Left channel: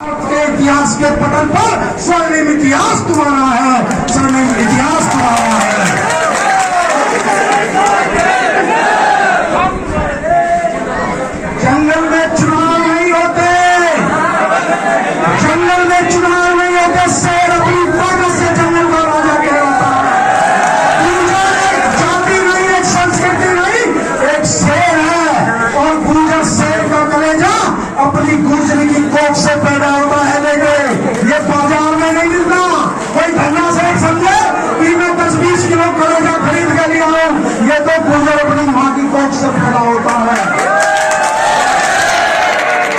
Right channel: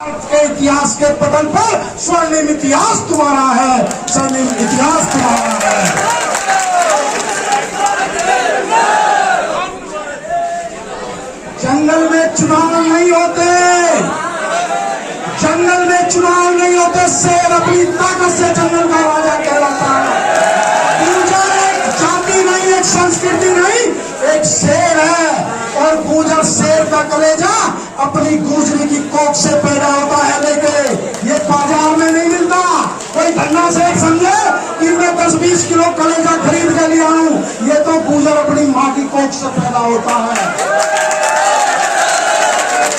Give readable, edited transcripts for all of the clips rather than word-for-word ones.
के इतिहास के पटल पर स्वर्णिम इतिहास तुम्हारा है, स्वर्णिम इतिहास तुम्हारा है। जंगल में चुनाव नहीं होते, जंगल में चुनाव नहीं होते। शेर अपनी ताकत से जंगल का राजा कहलाता है। गुर्जर एक जाति नहीं, एक संस्कृति नहीं, एक शेर है। और गुर्जर शेर का कलेजा अपनी गुर्जरी की कोख से पैदा होता है। लेके ये बाजार में नहीं मिलता। कोई धन्ना से समझे कि मैं 10-20 किलो कलेजा खरीद के लिया हूं, ये तो गुर्जर अपनी मां की कोख से पैदा होता है।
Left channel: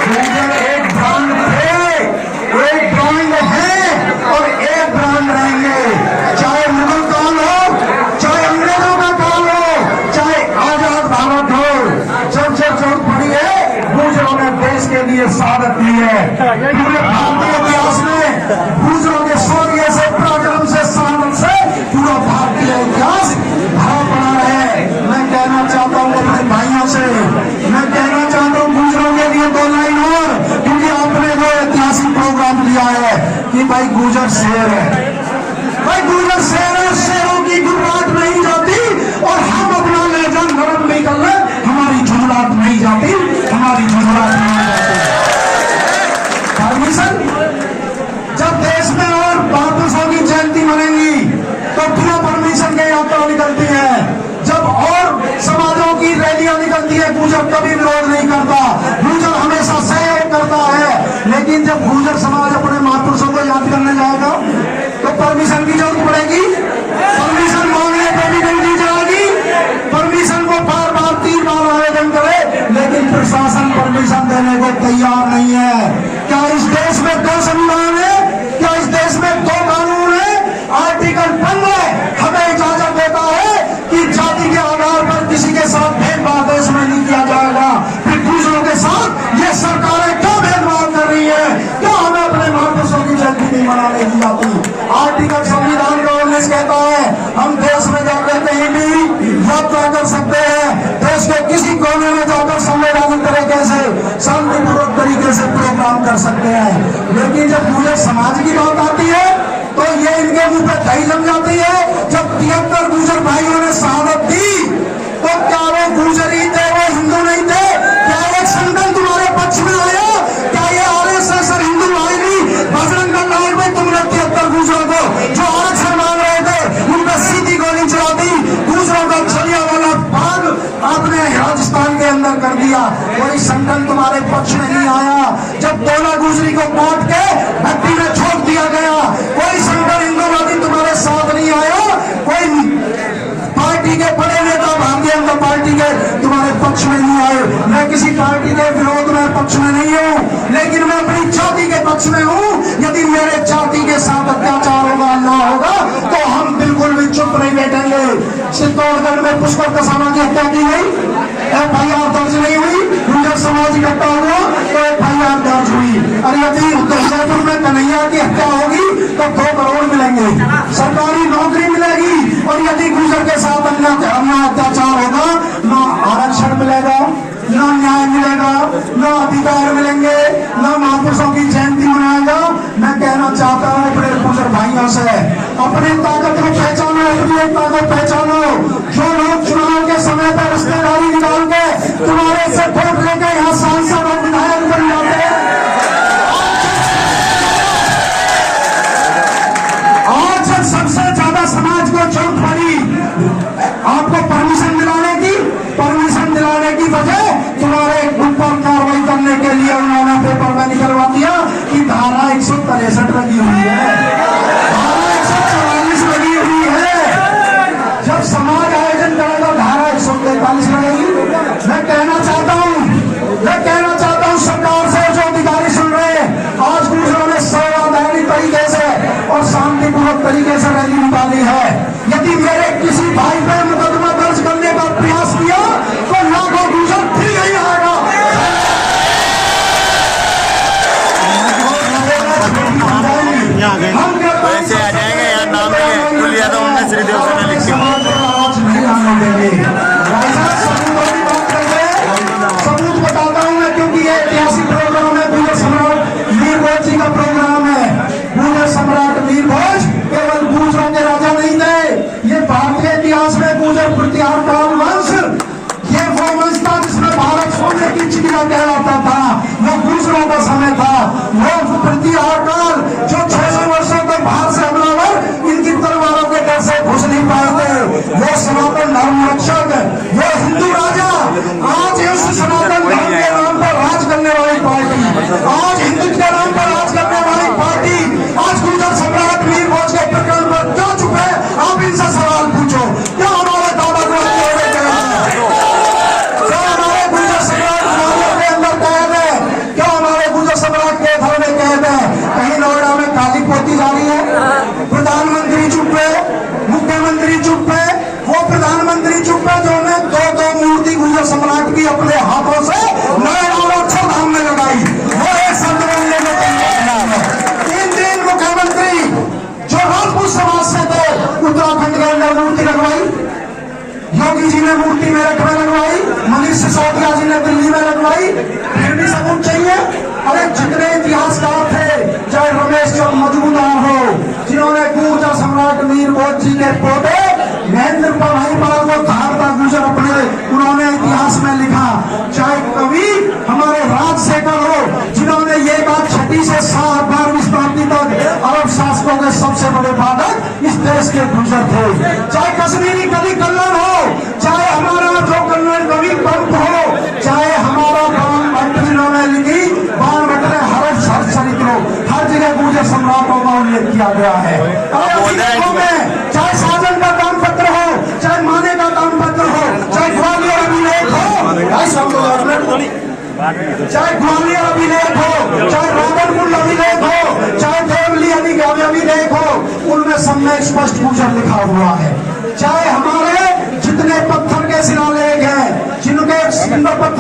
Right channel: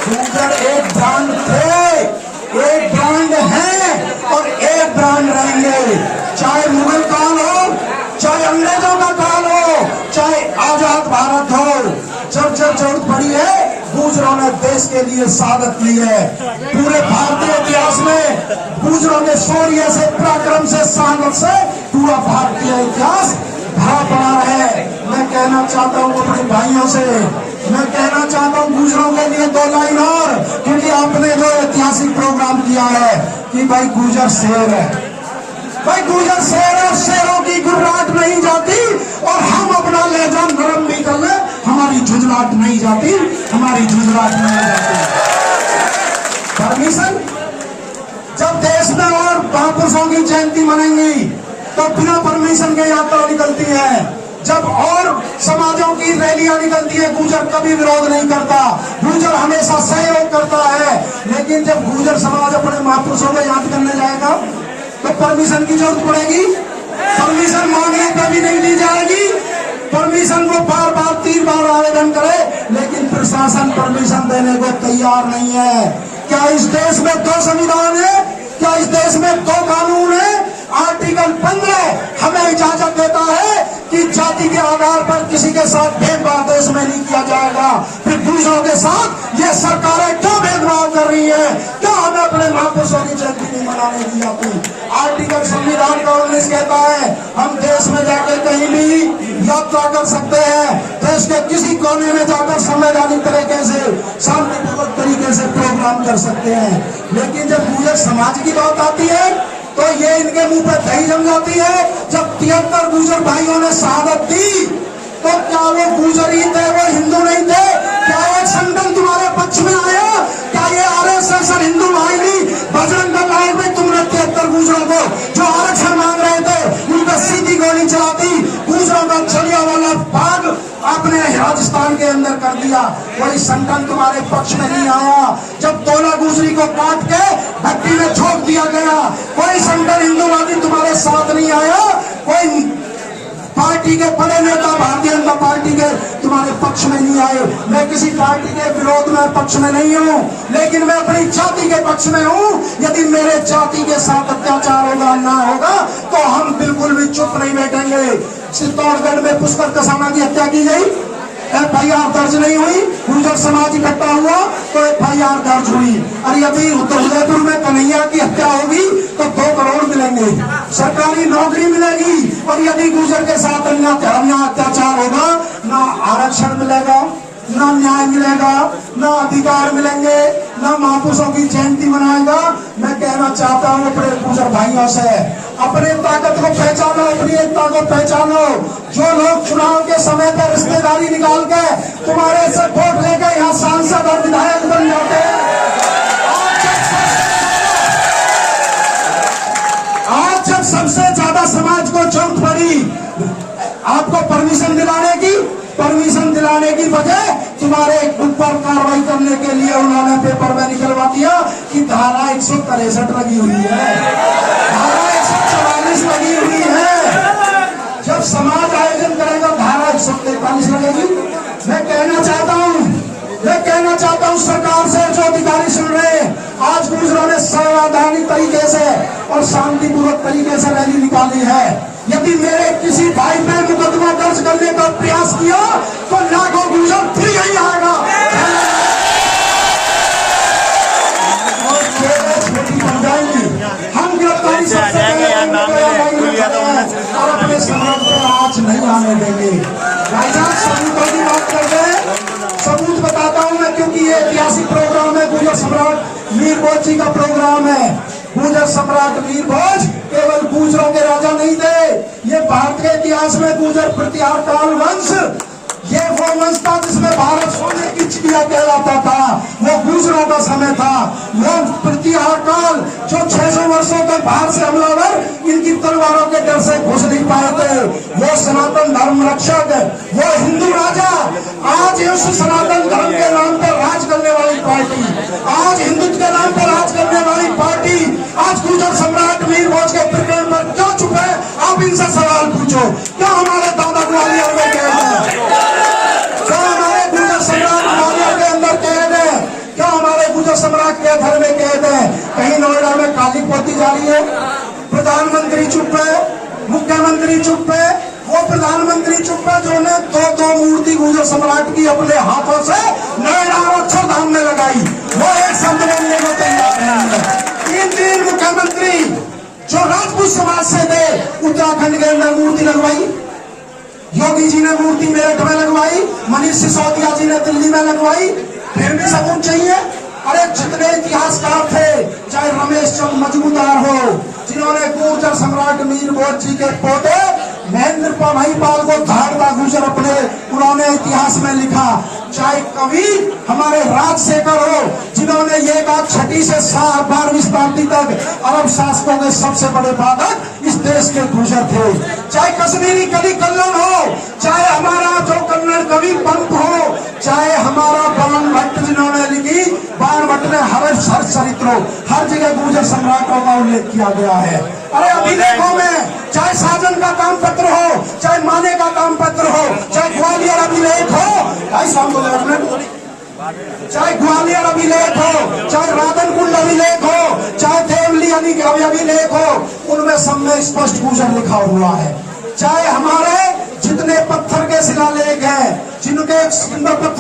गुर्जर एक ब्रांड थे, एक ब्रांड है और एक ब्रांड रहेंगे। चाहे मुगल काल हो, चाहे अंग्रेजों का काल हो, चाहे आजाद भारत हो, जब जब जरूरत पड़ी है गुर्जरों ने देश के लिए शहादत दी है। पूरे भारतीय इतिहास में गुर्जरों के शौर्य से, पराक्रम से, शहादत से पूरा भारतीय इतिहास भरा पड़ा है। मैं कहना चाहता हूँ अपने भाइयों से, मैं कहना चाहता हूँ गुर्जरों के लिए 2 लाइन और, क्योंकि आपने जो ऐतिहासिक प्रोग्राम दिया है कि भाई गुर्जर शेर है, भाई गुर्जर शेर है, शेरों की गुर्राहट नहीं जाती। और हम अपना लहजा नरम भी कर ले, हमारी झुंझलाहट नहीं जाती, हमारी झुंझलाहट नहीं जाती। परमिशन जब देश में और महापुरुषों की जयंती मनेंगी तो बिना परमिशन के यात्रा निकलती है। जब और समाजों की रैलियां निकलती है, गुर्जर कभी विरोध नहीं करता, गुर्जर हमेशा सहयोग करता है। लेकिन जब गुर्जर समाज अपने महापुरुषों को याद करने जाएगा तो परमिशन की जरूरत पड़ेगी। परमिशन मांगने पर भी नहीं दी जाएगी। परमिशन को बार बार 3 बार आवेदन करे, लेकिन प्रशासन परमिशन देने को तैयार नहीं है। क्या इस देश में 2 संविधान है? क्या इस देश में 2 कानून है? आर्टिकल 15 हमें इजाजत देता है कि जाति के आधार पर किसी के साथ भेदभाव देश में नहीं किया जाएगा। फिर दूसरों के साथ ये सरकारें क्यों भेदभाव कर रही है? क्यों हमें अपने महापुरुषों की जयंती नहीं मनाने दी जाती? आर्टिकल संविधान का 19 कहता है हम देश में जाकर कहीं भी यात्रा कर सकते हैं, देश के किसी कोने में जाकर संवैधानिक तरीके से, शांतिपूर्वक तरीके से प्रोग्राम कर सकते हैं। लेकिन जब गुर्जर समाज की बात आती है तो ये इनके मुंह पे दही जम जाती है। जब 73 गुर्जर भाइयों ने शहादत दी तो क्या वो गुर्जर ही थे, वो हिंदू नहीं थे? क्या एक संगठन तुम्हारे पक्ष में आया? क्या ये आरएसएस और हिंदू भाई नहीं? बजरंग दल लाइन में तुमने 73 गुर्जरों को जो आरक्षण मांग रहे थे उन पर सीधी गोली चला दी। गुर्जरों का छलिया वाला भाग आपने राजस्थान के अंदर कर दिया। कोई संगठन तुम्हारे पक्ष में नहीं आया। जब 12 गुर्जरी को काट के भट्टी में छोड़ दिया गया, कोई संगठन हिंदूवादी तुम्हारे साथ नहीं आया। कोई पार्टी के बड़े नेता भारतीय जनता पार्टी के तुम्हारे पक्ष में नहीं आए। मैं किसी पार्टी के विरोध में पक्ष में नहीं हूँ, लेकिन मैं अपनी जाति के पक्ष में हूँ। यदि मेरे जाति के साथ अत्याचार होगा, अन्याय होगा, तो हम बिल्कुल भी चुप नहीं बैठेंगे। चित्तौड़गढ़ में पुष्कर कसाना की हत्या की गई, FIR दर्ज नहीं हुई। गुर्जर समाज इकट्ठा हुआ तो FIR दर्ज हुई। और यदि उदयपुर में कन्हैया की हत्या होगी तो 2 करोड़ मिलेंगे, सरकारी नौकरी मिलेगी। और यदि गुर्जर के साथ अन्याय अत्याचार होगा, ना आरक्षण मिलेगा, ना न्याय मिलेगा, ना अधिकार मिलेंगे, ना महापुरुषों की जयंती मनाएगा। मैं कहना चाहता हूँ अपने गुर्जर भाइयों से, अपने ताकत को पहचानो, अपनी एकता को पहचानो। जो लोग चुनाव के समय पर रिश्तेदारी निकाल के तुम्हारे से वोट लेकर यहाँ सांसद और विधायक बन जाते हैं, आज जब सबसे ज्यादा समाज को जरूरत पड़ी आपको परमिशन दिलाने की वजह तुम्हारे ऊपर कार्रवाई करने के लिए उन्होंने पेपर में निकलवा दिया कि धारा 163 लगी हुई है, धारा 144 लगी हुई है। जब समाज आयोजन करेगा धारा 143 लगेगी। मैं कहना चाहता हूँ सरकार से, जो अधिकारी सुन रहे हैं, आज गुर्जरों ने संवैधानिक तरीके से और शांतिपूर्वक तरीके से रैली निकाली है। यदि मेरे किसी भाई पर मुकदमा दर्ज करने का प्रयास किया तो लाखों गुर्जर फिर नहीं आएगा। हम समाज को आज नहीं आने देंगे। सबूतों की बात करेंगे, सबूत बताता हूँ मैं, क्योंकि ये ऐतिहासिक प्रोग्राम है। गुर्जर सम्राट वीर भोज जी का प्रोग्राम है। गुर्जर सम्राट वीर भोज केवल गुर्जरों के राजा नहीं थे, ये भारतीय इतिहास में गुर्जर प्रतिहारकाल वंश, ये वो वंश था जिसमें भारत सोने की चिड़िया कहलाता था। वो गुर्जरों का समय था, वो प्रतिहारकाल जो 600 वर्षों तक बाहर से हमलावर इनकी तलवारों के डर से घुस नहीं पाए थे। वो सनातन धर्म रक्षक, वो हिंदू राजा, आज उस सनातन धर्म के नाम पर राज करने वाली पार्टी, आज हिंदुत्व के नाम पर राज करने वाली पार्टी आज गुर्जर सम्राट वीर भोज के प्रकरण पर क्यों चुप है? आप इनसे सवाल पूछो। क्या हमारे दादा ग्वालियर में कैद है? क्या हमारे गुर्जर सम्राट ग्वालियर के अंदर कैद है? क्या हमारे गुर्जर सम्राट के घर में कैद है? कहीं नोएडा में काली पोती जा रही है, प्रधानमंत्री चुप है, मुख्यमंत्री चुप है, वो प्रधानमंत्री चुप है जो ने दो मूर्ति गुर्जर सम्राट की अपने हाथों से नोएडा और अक्षरधाम में लगाई, वो एक शब्द बोलने को तैयार नहीं है। तीन मुख्यमंत्री जो राजपूत समाज से थे, उत्तराखंड के अंदर मूर्ति लगवाई, योगी जी ने मूर्ति मेरठ में लगवाई, मनीष सिसोदिया जी ने दिल्ली में लगवाई, फिर भी सबूत चाहिए। अरे जितने इतिहासकार थे, चाहे रमेश चंद्र मजूमदार हो जिन्होंने गुर्जर सम्राट वीर भोज जी के पोते महेंद्र भाई पाल को धारदार गुर्जर अपने उन्होंने इतिहास में लिखा, चाहे कवि हमारे राजशेखर हो जिन्होंने ये बात 6वीं से 12वीं शताब्दी तक अरब शासकों के सबसे बड़े बाधक इस देश के गुर्जर थे, चाहे कश्मीरी कवि कल्लन हो, चाहे हमारा जो कन्नड़ कवि पंत हो, चाहे हमारा बाण भट्ट जिन्होंने लिखी, बाण भट्ट ने हर चरित्रों हर जगह गुर्जर सम्राटों का उल्लेख किया गया है। अरे अभिलेखों में चाहे साजन का काम पत्र हो, चाहे माने का काम पत्र हो, चाहे ग्वालियर अभिलेख हो, चाहे ग्वालियर अभिलेख हो, चाहे रावलकुंड अभिलेख हो, चाहे देवली अभिलेख हो, उनमें सब में स्पष्ट गुर्जर लिखा हुआ है। चाहे हमारे जितने पत्थर के शिलालेख हैं, जिनके सुंदर पत्थर